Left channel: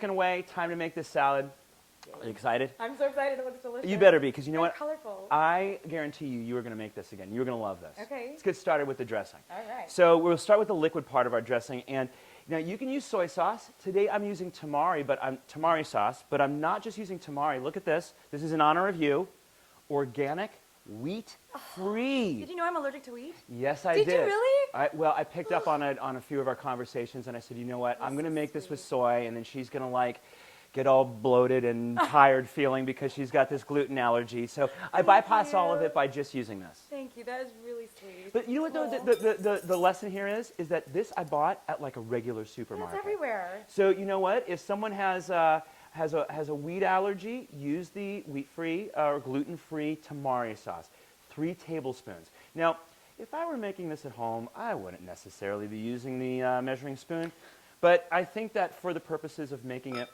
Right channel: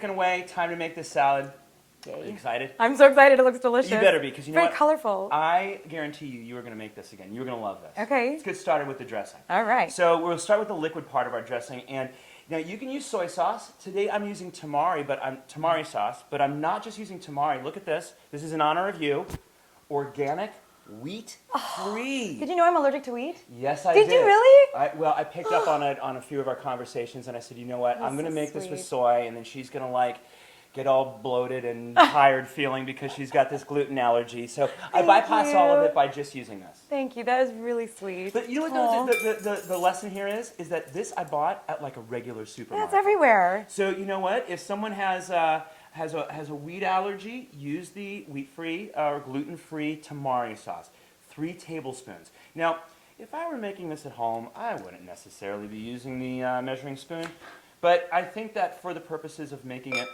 cooking away. Time to make this salad. Yay. Are you excited? I'm so excited. It looks delicious. You better be, because you know Very what? colorful. I guarantee you are going to make this again. You're going to love this. Okay. Let's get started with the dressing. All right. So we'll start with the liquid part of our dressing, and now you can use soy sauce. Today I'm using Tamari, Tamari sauce, but I'm not just using Tamari. Look at this. This is in honor of you. Organic, wheat-free. Did you know I'm allergic to wheat? Yes, I did. Did you really? I picked up on it on a few of our conversations, and I said, you know what? I'm going to make this with soy, and then she's going to get all bloated and tired feeling because she's got this gluten allergy. So I bypass all of it by just using this. Thank you. That is really sweet. But you know what the lesson here is that this I bought at like a regular supermarket. It's everywhere. So you know what? If someone has a wheat allergy, use the wheat-free or gluten-free Tamari sauce. 3 tablespoons. Now, if I were making this at home, I wouldn't necessarily be using the measuring spoon. But I think that for the purposes of making it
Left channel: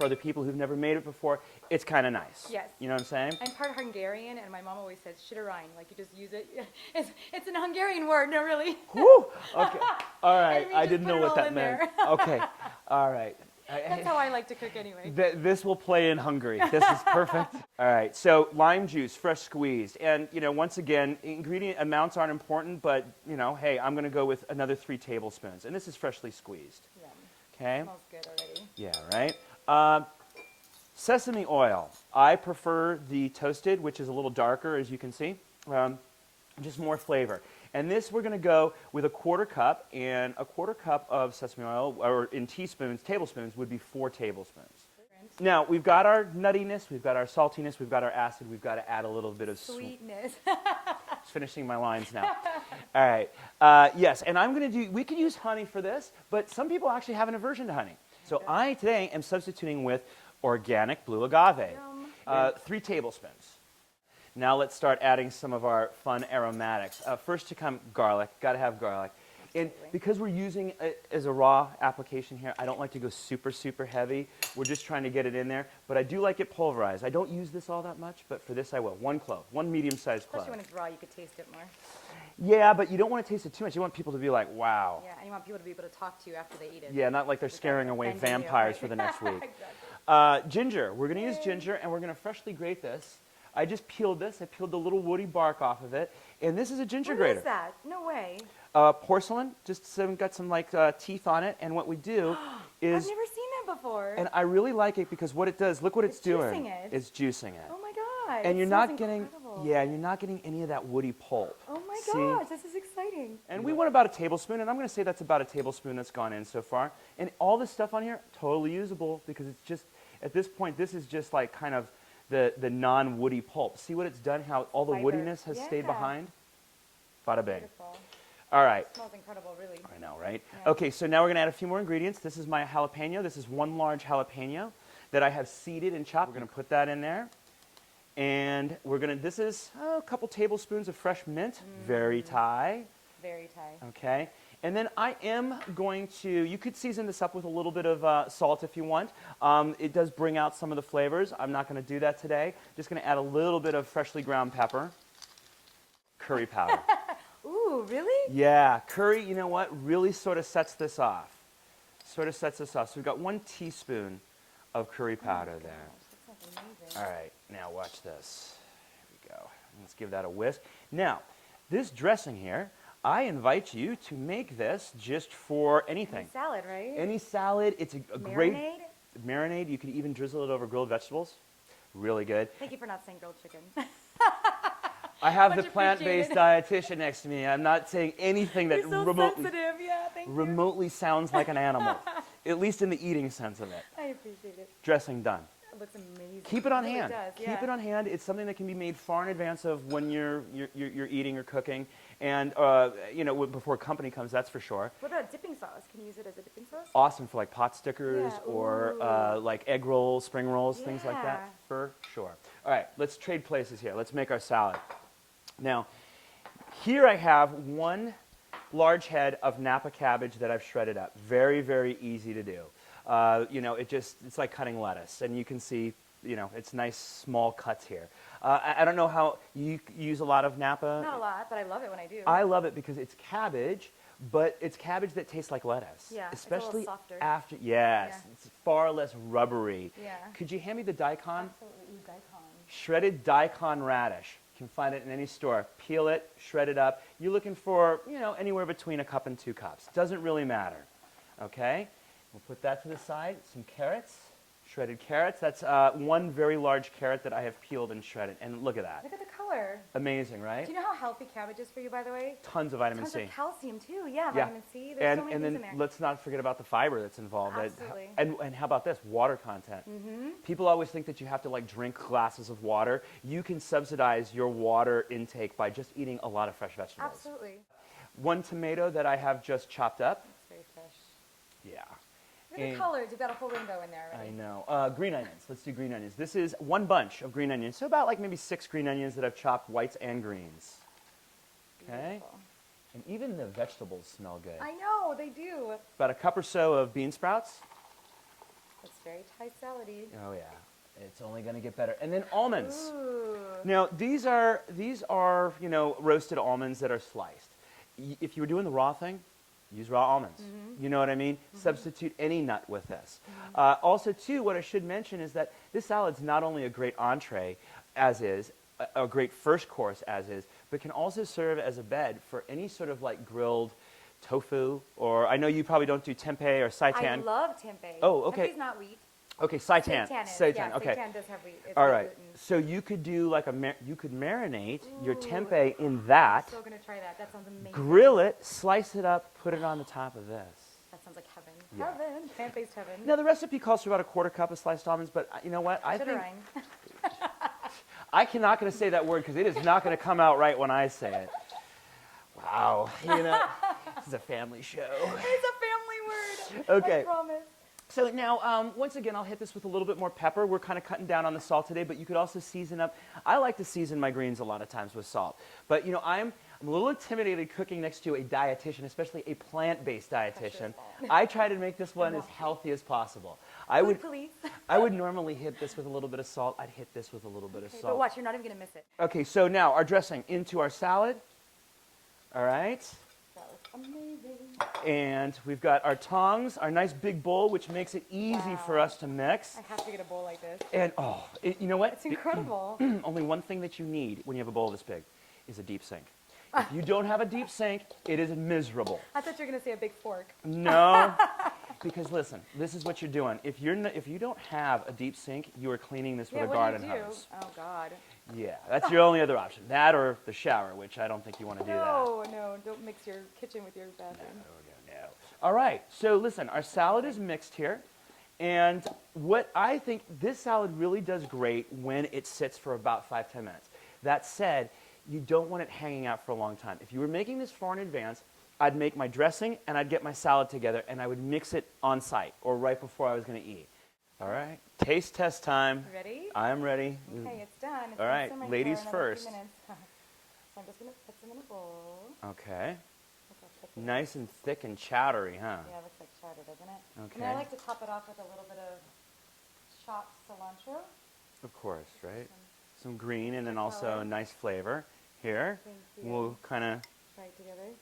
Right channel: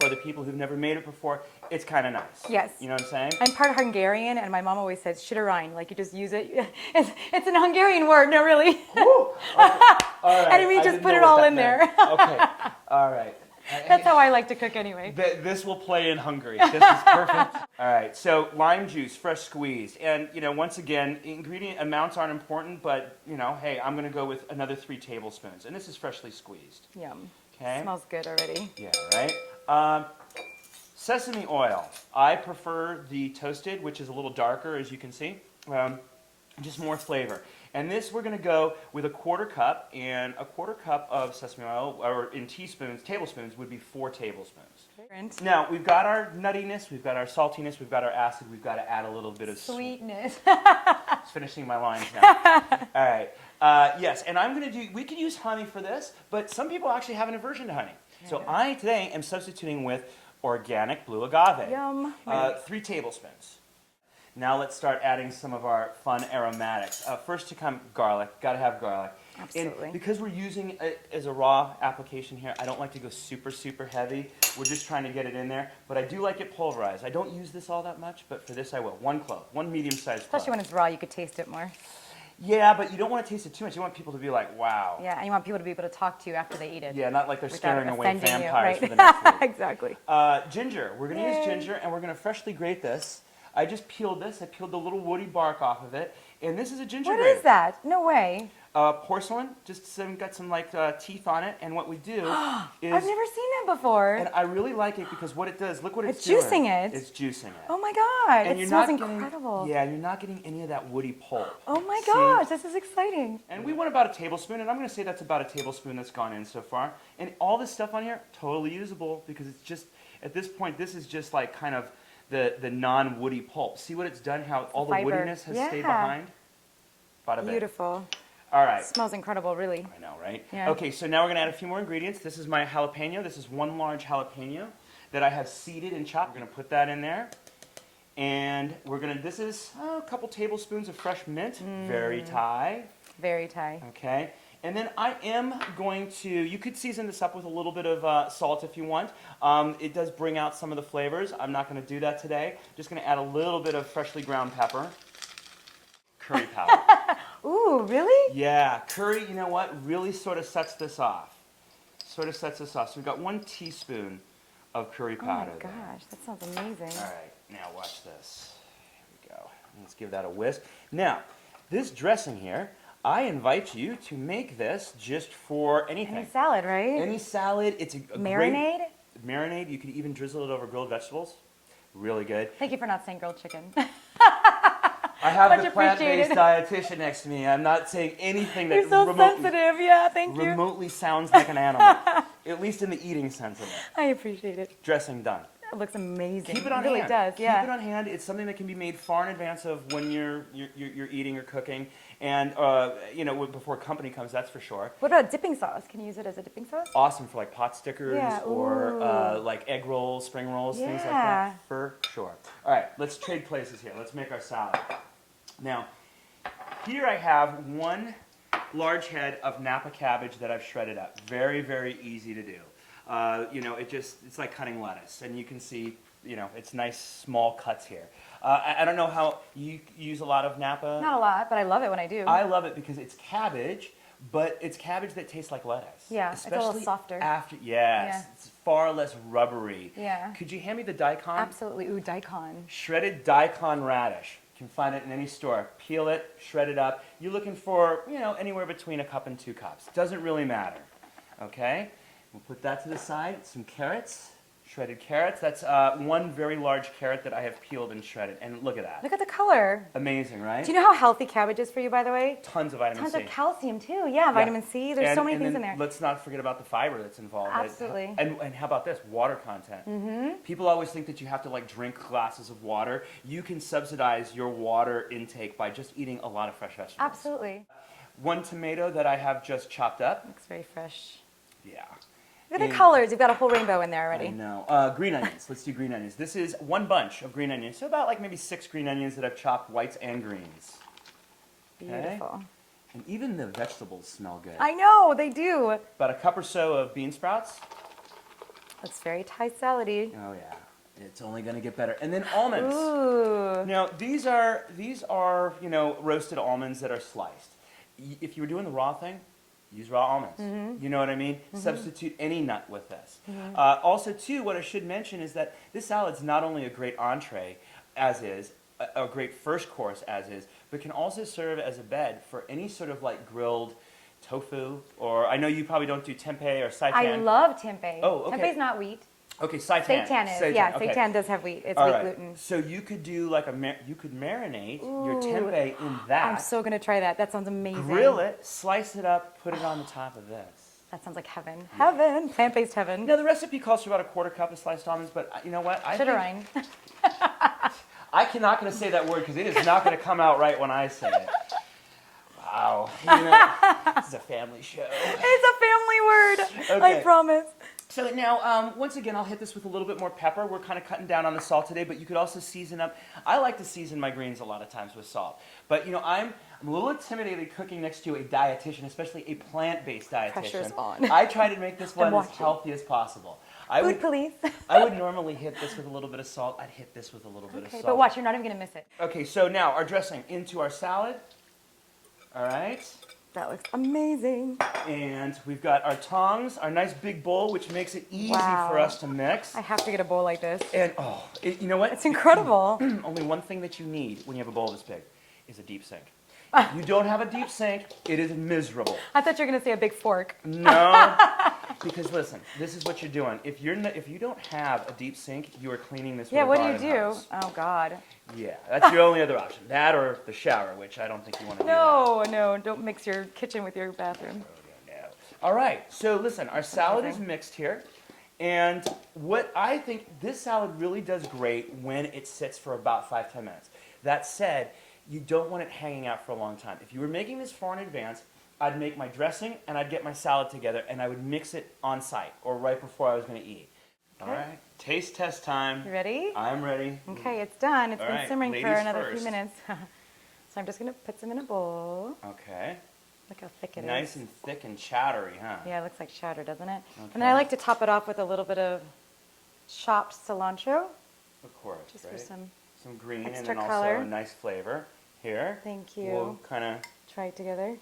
for the people who've never made it before, it's kind of nice. Yes. You know what I'm saying? I'm part Hungarian, and my mom always says "shitterine," like you just use it. It's an Hungarian word, no, really. Woo! Okay. All right. And we just put it all in there. Okay. All right. That's how I like to cook anyway. This will play in Hungary. This is perfect. All right. So lime juice, fresh squeezed, and once again, ingredient amounts aren't important, but hey, I'm going to go with another 3 tablespoons, and this is freshly squeezed. Yum. Okay. Smells good already. Yeah. Right. Sesame oil. I prefer the toasted, which is a little darker, as you can see. Just more flavor. And this we're going to go with a 1/4 cup, and a 1/4 cup of sesame oil, or in tablespoons, would be 4 tablespoons. Now, we've got our nuttiness, we've got our saltiness, we've got our acid, we've got to add a little bit of sweetness. Just finishing my lines now. All right. Yes, and we could use honey for this, but some people actually have an aversion to honey. So I today am substituting with organic blue agave. Yum. 3 tablespoons. Now let's start adding some of our fun aromatics. First to come, garlic. Got to have garlic. Absolutely. And because we're using it as a raw application here, I don't like to go super, super heavy. We're just trying to get it in there. But I do like it pulverized. I don't use this all that much, but for this I will. 1 clove, 1 medium-sized clove. Especially when it's raw, you could taste it more. Yeah, but you don't want to taste it too much. You want people to be like, wow. Yeah, and you want people to be able to talk to you after they eat it. Yeah, not like they're scaring away offending you, vampires right? for the next week. Exactly. Ginger. We're going to use ginger, and we're going to freshly grate this. I just peeled this. I peeled the little woody bark off of it, and this is a ginger grater. What is that? No way. Porcelain. Just got some teeth on it, and what we do is I've never seen that before. And I really like it because what it does. Look what it's doing. It's juicing it. It's juicing it. Oh my god! And it smells incredible. Yeah, and you're not getting any of that woody pulp. Oh my gosh, this is exciting. And we want about a tablespoon, and I'm going to say that's about a tablespoon that's gone in so far. And all this stuff on here, totally usable because it's just at this point, this is just like kind of the non-woody pulp. See what it's done? How all the woodiness has stayed behind. Bada bing. Beautiful. All right. It smells incredible, really. I know, right? Yeah. Okay, so now we're going to add a few more ingredients. This is my jalapeno. This is 1 large jalapeno that I have seeded and chopped. We're going to put that in there. And this is a couple tablespoons of fresh mint. Very Thai. Very Thai. Okay. And then I am going to, you could season this up with a little bit of salt if you want. It does bring out some of the flavors. I'm not going to do that today. Just going to add a little bit of freshly ground pepper. Curry powder. Ooh, really? Yeah, curry, you know what, really sort of sets this off. So we've got 1 teaspoon of curry powder. Oh my gosh, that sounds amazing. All right, now watch this. Here we go. Let's give that a whisk. Now, this dressing here, I invite you to make this just for anything. Any salad, right? Any salad. It's a marinade? Great marinade. You could even drizzle it over grilled vegetables. Really good. Thank you for not saying grilled chicken. I have the plant-based dietitian next to me. I'm not saying anything that You're so sensitive. Yeah, thank you. remotely sounds like an animal, at least in the eating sense of it. I appreciate it. Dressing done. It looks amazing. Keep it on hand. It really does, yeah. Keep it on hand. It's something that can be made far in advance of when you're eating or cooking, and before company comes, that's for sure. What about dipping sauce? Can you use it as a dipping sauce? Awesome for like pot stickers or Ooh. like egg rolls, spring rolls, things like that. For sure. All right, let's trade places here. Let's make our salad. Now, here I have 1 large head of Napa cabbage that I've shredded up. Very, very easy to do. It's like cutting lettuce, and you can see, it's nice small cuts here. I don't know how you use a lot of Napa. Not a lot, but I love it when I do. I love it because it's cabbage, but it's cabbage that tastes like lettuce. Yeah, it's a little especially softer. Yes, Yeah. it's far less rubbery. Yeah. Could you hand me the daikon? Absolutely. Ooh, daikon. Shredded daikon radish. You can find it in any store. Peel it, shred it up. You're looking for, anywhere between a cup and 2 cups. Doesn't really matter. Okay? We'll put that to the side. Some carrots. Shredded carrots. That's one very large carrot that I have peeled and shredded. And look at that. Look at the color. Amazing, right? Do you know how healthy cabbage is for you, by the way? Tons of vitamin Tons C. of calcium, too. Yeah, vitamin C. There's so many things in there. Let's not forget about the fiber that's involved. Absolutely. And how about this? Water content. Mm-hmm. People always think that you have to drink glasses of water. You can subsidize your water intake by just eating a lot of fresh vegetables. Absolutely. 1 tomato that I have just chopped up. Looks very fresh. Yeah. Look at the colors. You've got a whole rainbow in there already. I know. Green onions. Let's do green onions. This is 1 bunch of green onions. So about maybe 6 green onions that I've chopped, whites and greens. Beautiful. Okay. And even the vegetables smell good. I know, they do. About a cup or so of bean sprouts. That's very Thai salady. Oh yeah. It's only going to get better. And then almonds. Ooh. Now, these are roasted almonds that are sliced. If you were doing the raw thing, use raw almonds. Mm-hmm. You know what I mean? Mm-hmm. Substitute any nut with this. Mm-hmm. Also, too, what I should mention is that this salad's not only a great entree, as is, a great first course, as is, but can also serve as a bed for any sort of grilled tofu, or I know you probably don't do tempeh or seitan. I love tempeh. Oh, okay. Tempeh's not wheat. Okay, seitan. Seitan is, Seitan, yeah, okay. seitan does have wheat. It's All wheat right. gluten. So you could do you could marinate your Ooh. tempeh in that. I'm so going to try that. That sounds amazing. Grill it, slice it up, put it on the top of this. That sounds like heaven. Heaven. Plant-based heaven. Now the recipe calls for about a 1/4 cup of sliced almonds, but you know what? Chitterine. I cannot going to say that word because it is not going to come out right when I say it. Wow. This is a family show. It's a family word. Okay. I promise. So now, once again, I'll hit this with a little bit more pepper. We're kind of cutting down on the salt today, but you could also season up. I like to season my greens a lot of times with salt. But, I'm a little intimidated cooking next to a dietitian, especially a plant-based dietitian. Pressure's on. I try to make this one as watching. healthy as possible. Food police. I would normally hit this with a little bit of salt. I'd hit this with a little bit of salt. But watch, you're not even going to miss it. Okay, so now our dressing into our salad. All right. That looks amazing. And we've got our tongs, our nice big bowl, which makes it easy for us to mix. I have to get a bowl like this. And, you know what? It's incredible. Only one thing that you need when you have a bowl this big is a deep sink. If you don't have a deep sink, it is miserable. I thought you were going to say a big fork. No, because listen, this is what you're doing. If you don't have a deep sink, you are cleaning this with a Yeah, what do garden you do? hose. Oh, God. Yeah, that's your only other option. That or the shower, which I don't think you want to do that. No, don't mix your kitchen with your bathroom. No. All right, so listen, our salad is mixed here. And what I think this salad really does great when it sits for about 5-10 minutes. That said, you don't want it hanging out for a long time. If you were making this far in advance, I'd make my dressing and I'd get my salad together and I would mix it on site or right before I was going to eat. All right, taste test time. You ready? I'm ready. Okay, it's done. It's All been right, simmering for ladies another first. few minutes. So I'm just going to put some in a bowl. Okay. Look how thick it is. Nice and thick and chowdery, huh? Yeah, it looks like chowder, doesn't it? Okay. And then I like to top it off with a little bit of chopped cilantro. Of course, Just right? for some Green and extra then also color. a nice flavor. Here. Thank you. We'll kind of, Try it together.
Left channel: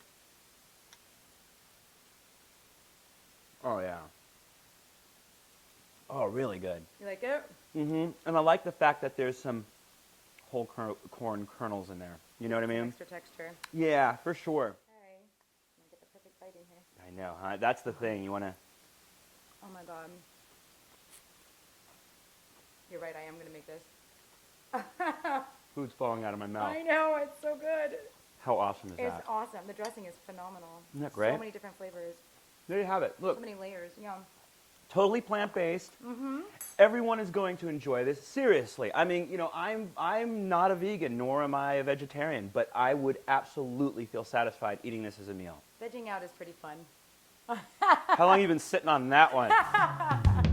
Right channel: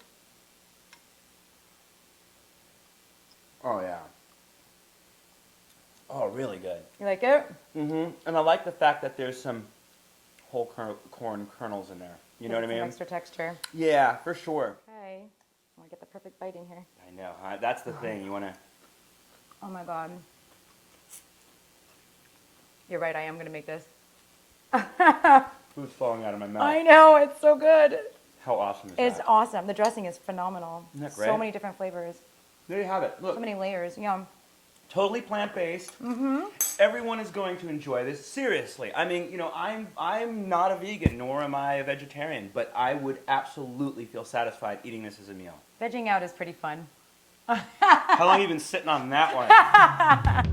oh yeah. Oh, really good. You like it? Mm-hmm. And I like the fact that there's some whole corn kernels in there. You know what I Some mean? extra texture. Yeah, for sure. Okay. I want to get the perfect bite in here. I know. Huh? That's the thing. You want to... Oh my God. You're right, I am going to make this. Food's falling out of my mouth. I know, it's so good. How awesome is It's that? awesome. The dressing is phenomenal. Isn't that So great? many different flavors. There you have it. Look, So many layers. Yum. totally plant-based. Mm-hmm. Everyone is going to enjoy this. Seriously. I mean, I'm not a vegan, nor am I a vegetarian, but I would absolutely feel satisfied eating this as a meal. Vegging out is pretty fun. How long have you been sitting on that one?